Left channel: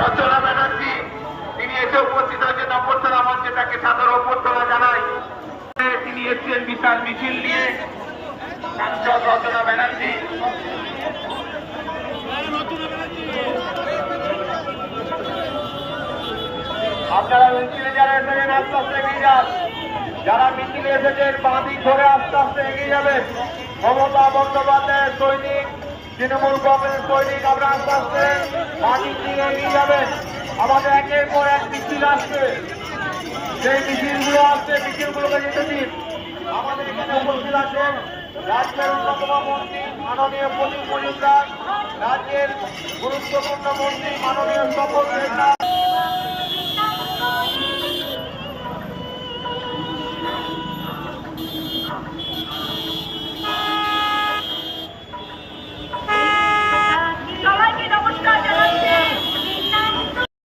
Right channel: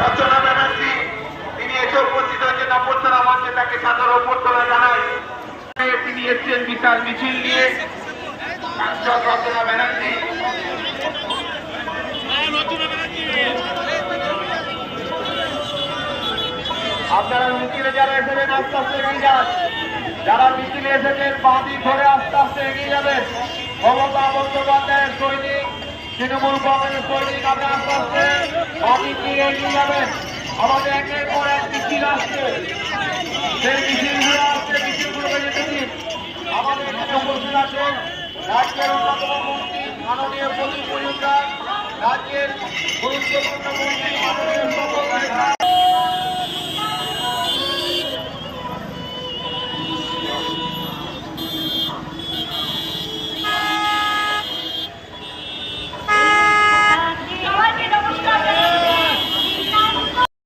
রচনা ব্যানার্জি তিনি এসে উপস্থিত হয়েছেন তাকে সাদর অভ্যর্থনা জানায়। তিনি এসছেন বিশাল মিছিল নিয়ে। সাংসদ রচনা ব্যানার্জি। আপনারা মিছিলে যারা এসেছেন, আস্তে আস্তে এগিয়ে যান। যারা মিছিলে এসেছেন বাঁ দিক ধরে আস্তে আস্তে এগিয়ে যাবেন। মমতা বন্দ্যোপাধ্যায়ের সৈনিক, তৃণমূল কংগ্রেস সৈনিক আমরা আস্তে আস্তে বাঁ নিয়ে এগিয়ে যাবেন। আমাদের একের পর এক মিছিল আসছে। সেই মিছিলগুলো আসছে, মিছিলগুলোকে যেতে দিন। আমাদের এখানে উপস্থিত আছেন রাজ্যের অন্যতম মন্ত্রী, মাননীয় প্রদীপ মজুমদার রাজ্যের গুরুত্বপূর্ণ মন্ত্রী, মাননীয় শপথ নেতা